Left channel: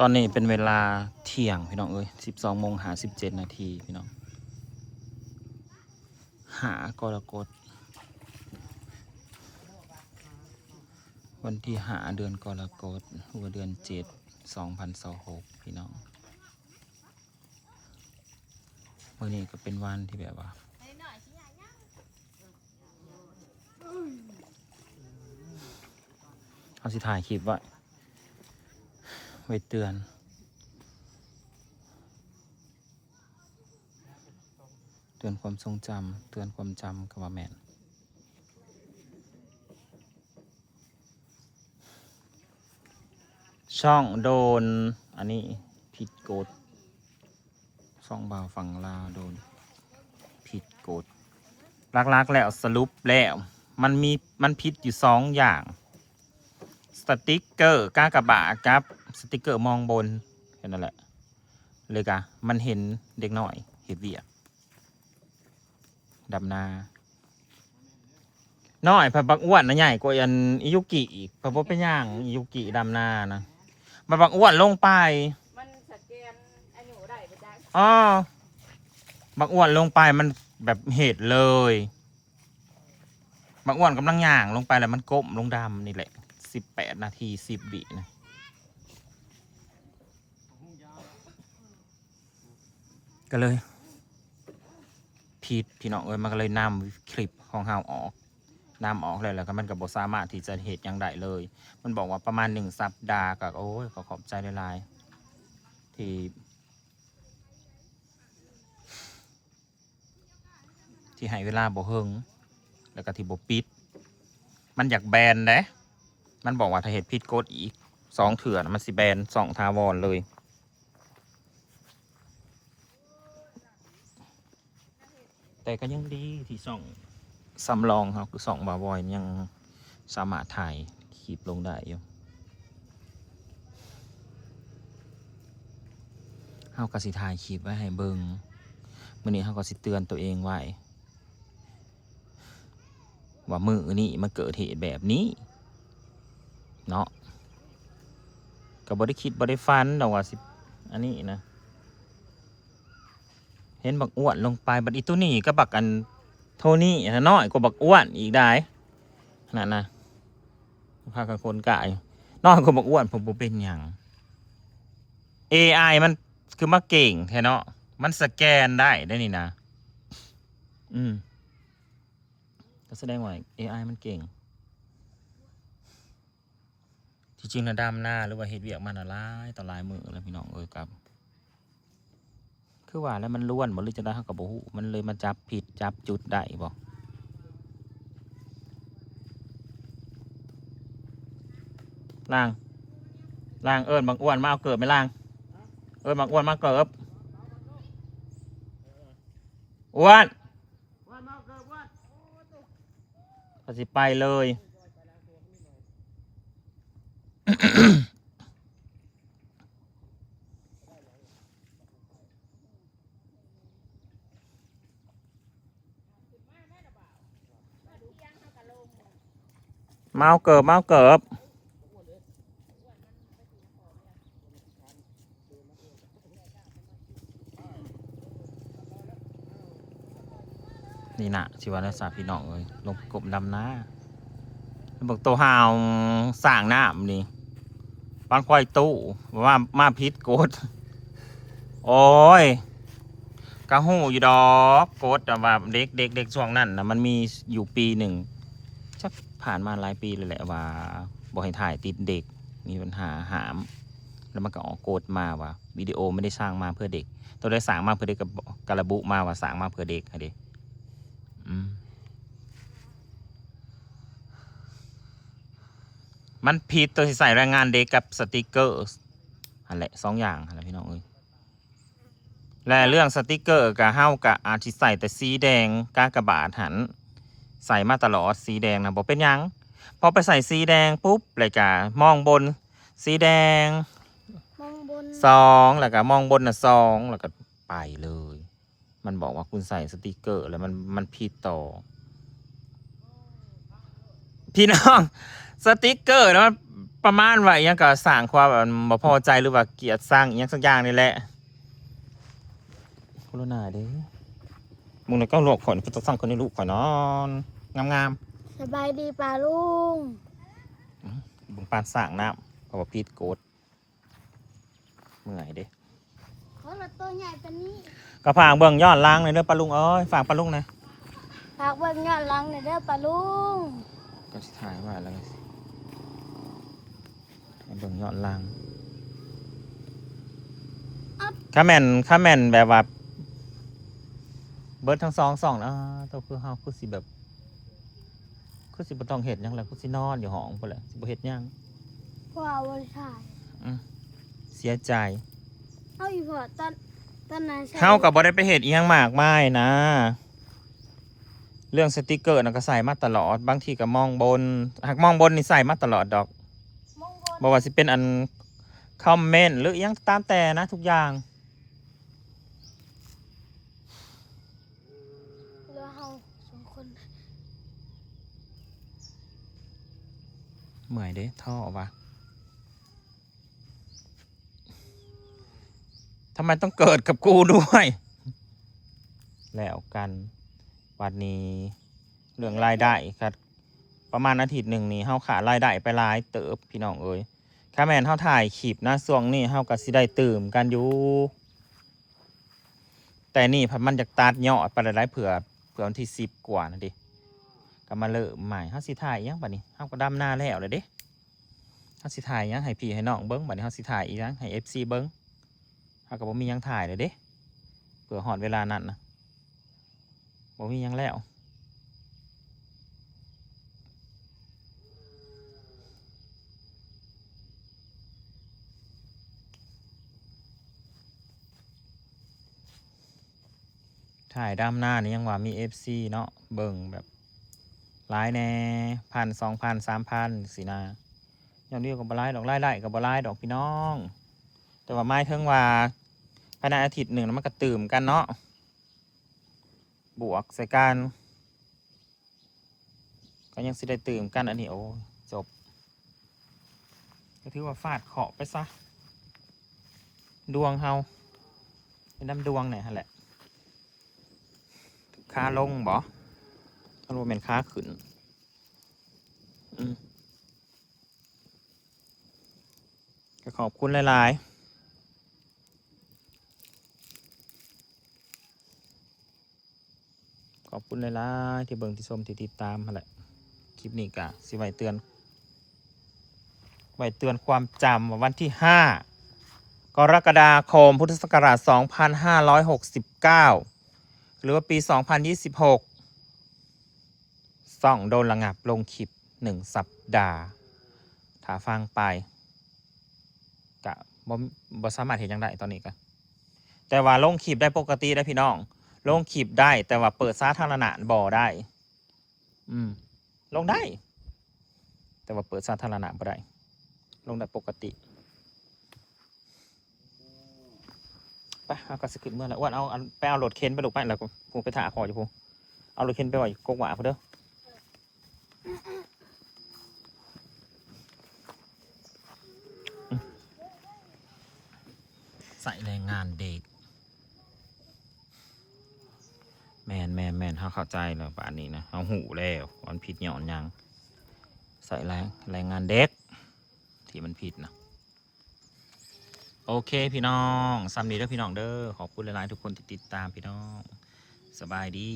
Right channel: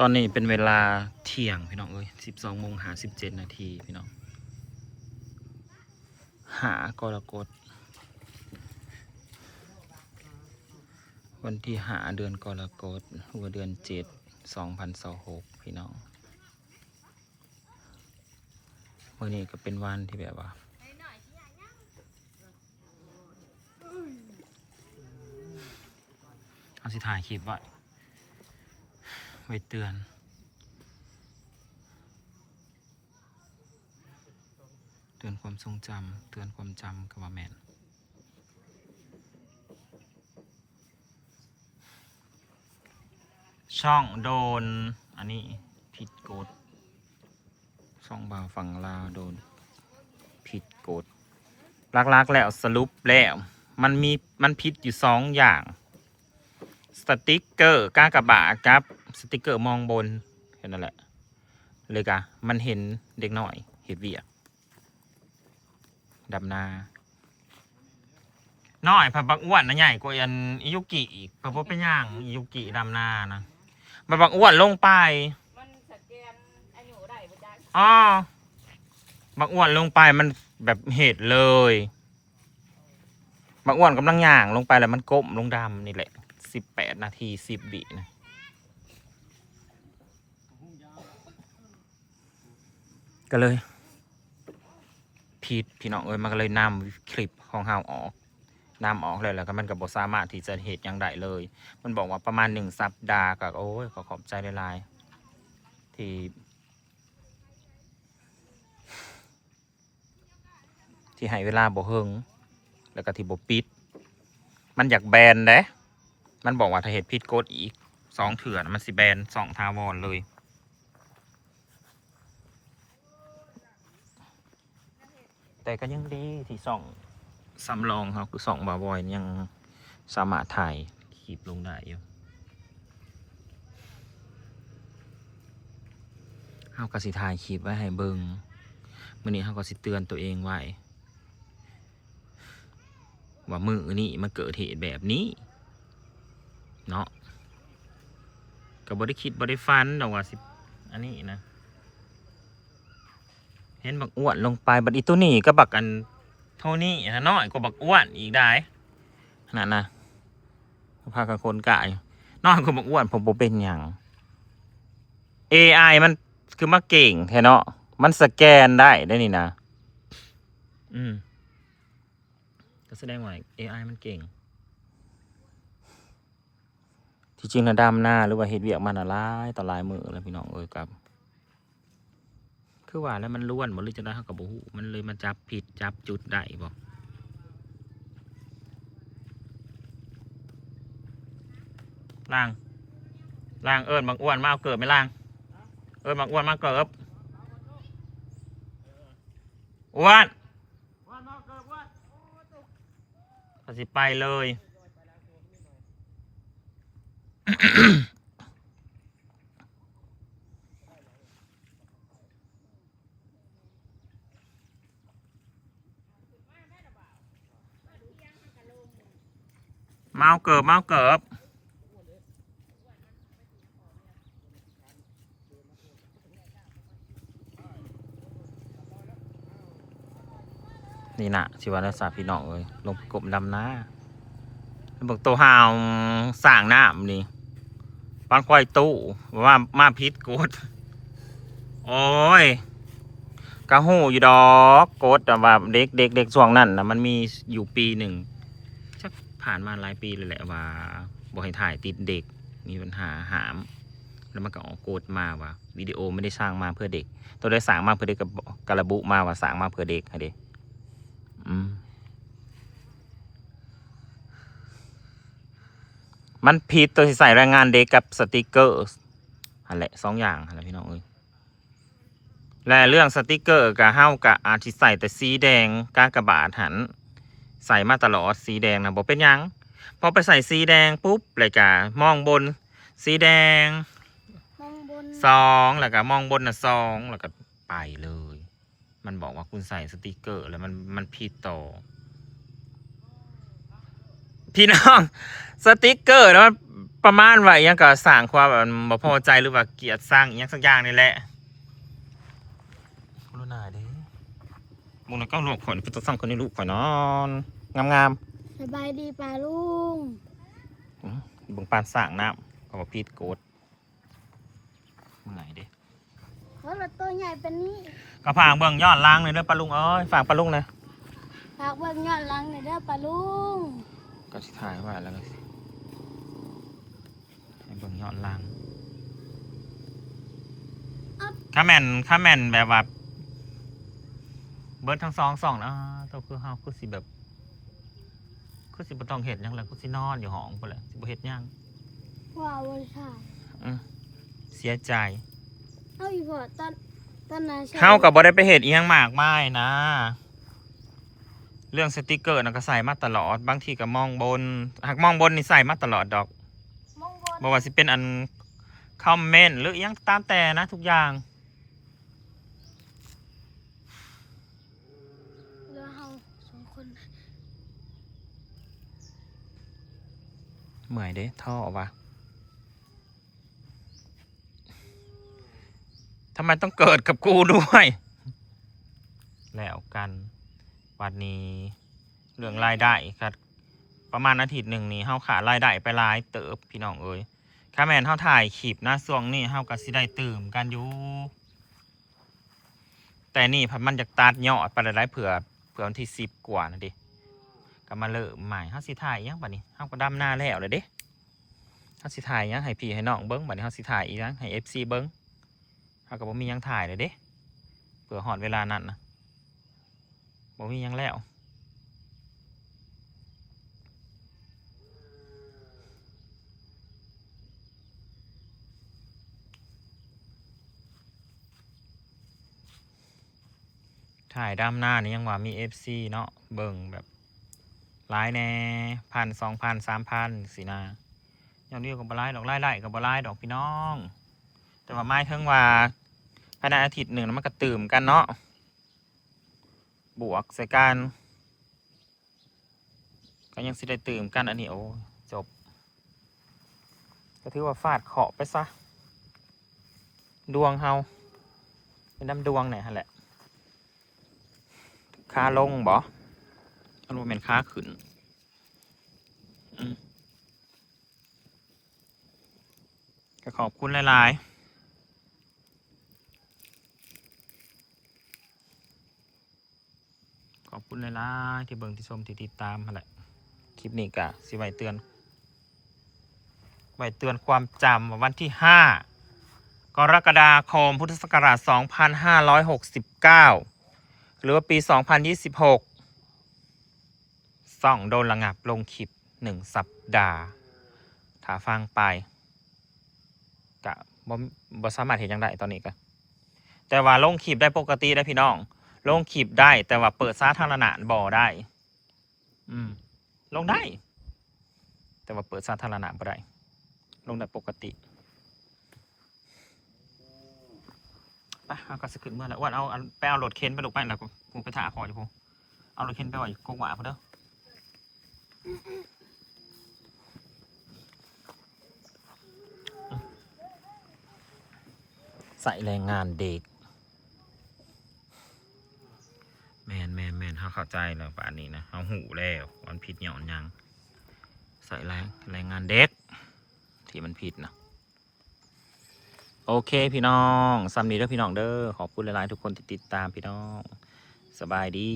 ตอนนี้เป็นเวลาเที่ยงพี่น้องเอ้ย12:57 นาทีพี่น้องหากรกฎวันที่5 เดือนกรกฎหัวเดือน7 2026พี่น้องวันนี้ก็เป็นวันที่แบบว่าเอาสิถ่ายคลิปไว้เตือนความทรงจำเตือนความจำกับว่าแม่นช่องโดนอันนี้ผิดกฎช่องบ่าวฝั่งลาวโดนผิดกฎลักๆแล้วสรุปแล้วมันผิดอยู่2 อย่างสติกเกอร์กากบาทกับสติกเกอร์มองบนแค่นั้นแหละเลยกะมันเห็นเด็กหน่อยเห็นเวียกดำนาน้อยพะบักอ้วนนะใหญ่กว่าอันอิยุกิอีกพะบ่เป็นย่างอิยุกิดำนานะบักอ้วนลงไปมันสแกนอายุได้บ่จ๊ะอ๋อบักอ้วนลงไปมันแบบเหตุเลยบักอ้วนกำลังย่างลงไปแล้วมันก้มลงดำนี่แหละ18 นาที10 วินะก็เลยพี่น้องเอ้ยมันก็เลยนำคลิปของเฮาออกเลยแล้วก็มันก็บ่สามารถที่จะเหตุอย่างใดเลยมันบอกว่าประมาณ1 สัปดาห์ก็โอ้ยขอบใจหลายๆที่ให้เวลาบ่เฮิงแล้วก็ที่บ่ปิดมันอยากแบนเด้มันบอกว่าถ้าเหตุผิดกฎอีก2 เถื่อมันสิแบน2 ทาวรเลยแต่ก็ยังดีที่2สำรองครับคือ2 บาบอยยังสามารถถ่ายคลิปลงได้อยู่เฮาก็สิถ่ายคลิปไว้ให้เบิ่งมื้อนี้เฮาก็สิเตือนตัวเองไว้ว่ามื้อนี้มันเกิดเหตุแบบนี้เนาะก็บ่ได้คิดบ่ได้ฝันดอกว่าสิอันนี้นะเห็นบักอ้วนลงไปบัดอีตัวนี้ก็บักอันโทนี่น้อยกว่าบักอ้วนอีกได้ขนาดนะพากันคนกายน้อยกว่าบักอ้วนผมบ่เป็นหยัง AI มันคือมาเก่งแท้เนาะมันสแกนได้นี่นะก็แสดงว่า AI มันเก่งที่จริงนะดำหน้าหรือว่าเฮ็ดเวียกมันหลายต่อหลายมื้อแล้วพี่น้องเอ้ยกับคือว่าแล้วมันล้วนบ่หรือจะได้เฮาก็บ่ฮู้มันเลยมาจับผิดจับจุดได้บ่ล่างเอิ้นบางอ้วนมาเอาเกิบไหมล่างเอิ้นบางอ้วนมาเกิบอ้วนก็สิไปเลยเมาเกิบนี่นะชีวนักษาพี่น้องเลยลงกบดำน้าบอกตัวหาวสร้างน้ำนี่ปานควายตู้ว่ามาพิษกดโอ้ยกระหูอยู่ดอกกดแต่ว่าเด็กช่วงนั้นนะมันมีอยู่ปีหนึ่งชักผ่านมาหลายปีเลยแหละว่าบอกให้ถ่ายติดเด็กมีปัญหาหามแล้วมันก็ออกกดมาว่าวิดีโอไม่ได้สร้างมาเพื่อเด็กตัวได้สร้างมาเพื่อเด็กกระบุมาว่าสร้างมาเพื่อเด็กให้เด็กมันผิดตัวที่ใส่แรงงานเด็กกับสติกเกอร์อะไร2 อย่างอะไรพี่น้องเอ้ยและเรื่องสติกเกอร์กับเฮ้ากับอาทิใส่แต่สีแดงกากบาทหันใส่มาตลอดสีแดงนะบอกเป็นยังพอไปใส่สีแดงปุ๊บเลยกะมองบนสีแดง2แล้วก็มองบน2แล้วก็ไปเลยมันบอกว่าคุณใส่สติกเกอร์แล้วมันผิดต่อพี่น้องสติกเกอร์นะมัน ประมาณว่าอหยังก็สร้างความแบบบ่พอใจหรือว่าเกลียดสร้างอหยังสักอย่างนี่แหละโคโรนาเด้มึงน่ะก็หลอกข่อยก็ต้องสร้างคนนี้ลูกข่อยนอนงาม สบายดีป่าลุง ๆเบิ่งปานสร้างน้ำก็บ่ผิดกฎเมื่อยเด้ เพราะเราตัวใหญ่เป็นนี่ ก็ฝากเบิ่งย้อนหล้างหน่อยเด้อปลาลุงเอ้ยฝากปลาลุงหน่อย ฝากเบิ่งย้อนหลังหน่อยเด้อป่าลุง ก็สิถ่ายไว้แล้วก็ให้เบิ่งย้อนหล้างข้าแม่นแบบว่าเบิดทั้งสองนะตัวคือเฮาคือสิแบบคือสิบ่ต้องเฮ็ดหยังแล้วคือสินอนอยู่ห้องพุ่นแหละสิบ่เฮ็ดหยัง ว่าวันชาย เสียใจ เอาอีกพอตอนนั้นใช่ เฮาก็บ่ได้ไปเฮ็ดอีหยังมากมายนะ เรื่องสติกเกอร์น่ะก็ใส่มาตลอดบางทีก็มองบนหากมองบนนี่ใส่มาตลอดดอก มองบน บ่ว่าสิเป็นอันคอมเมนต์หรืออิหยังตามแต่นะทุกอย่าง เรือเฮาสองคน เมื่อยเด้ท่อวะทำไมต้องเกิดกับกูด้วย แล้วกันวันนี้เรื่องรายได้ครับประมาณอาทิตย์หนึ่งนี้เฮาขาดรายได้ไปหลายเติบพี่น้องเอ้ยถ้าแม่นเฮาถ่ายคลิปนะช่วงนี้เฮาก็สิได้ตื่มกันอยู่แต่นี่พันมันจะตัดยอดไปหลายๆเผื่อวันที่10 กว่านะดิก็มาเริ่มใหม่เฮาสิถ่ายอิหยังบัดนี้เฮาก็ดำหน้าแล้วเลยเด้เฮาสิถ่ายอิหยังให้พี่ให้น้องเบิ่งบัดนี้เฮาสิถ่ายอีหยังให้ FC เบิ่งเฮาก็บ่มีหยังถ่ายเลยเด้เผื่อฮอดเวลานั้นนะบ่มีหยังแล้วถ่ายดำหน้านี่ยังว่ามี FC เนาะเบิ่งแบบหลายแน่1,000 2,000 3,000สินะอย่างเดียวกับบ่หลายดอกรายได้กับบ่หลายดอกพี่น้อง แต่ว่าไม่ถึงว่าภายในอาทิตย์หนึ่งมันก็ตื่มกันเนาะบวกใส่กันก็ยังสิได้ตื่มกันอันนี้โอ้จบก็ถือว่าฟาดเคาะไปซะดวงเฮาเป็นน้ำดวงเนี่ยฮะแหละค่าลงบ่อันว่าเป็นค่าขึ้นก็ขอบคุณหลายๆขอบคุณหลายๆที่เบิ่งที่ชมที่ติดตามฮะแหละคลิปนี้ก็สิไว้เตือนความจำว่าวันที่5 กรกฎาคมพุทธศักราช2569หรือว่าปี2026ส่องโดนระงับลงคลิป1 สัปดาห์ถ้าฟังไปกะบ่สามารถเห็นยังได้ตอนนี้ก็แต่ว่าลงคลิปได้ปกติได้พี่น้องลงคลิปได้แต่ว่าเปิดสาธารณะบ่ได้ลงได้ แต่ว่าเปิดสาธารณะบ่ได้ลงได้ปกติไปเอาก็สขึ้นเมื่อแล้วอ้วนเอาไปเอารถเข็นไปลูกไปแล้วกูไปถ่าคออยู่พูเอารถเข็นไปไว้กกหว่าพูเด้อใส่แรงงานเด็กแมนเขาเข้าใจแล้วป่านนี้นะเขาหูแล้วมันผิดหย่อนยังใส่แรงงานเด็กที่มันผิดนะโอเคพี่น้องซ้ำนี้เด้อพี่น้องเด้อขอบคุณหลายๆทุกคนที่ติดตามพี่น้องสบายดี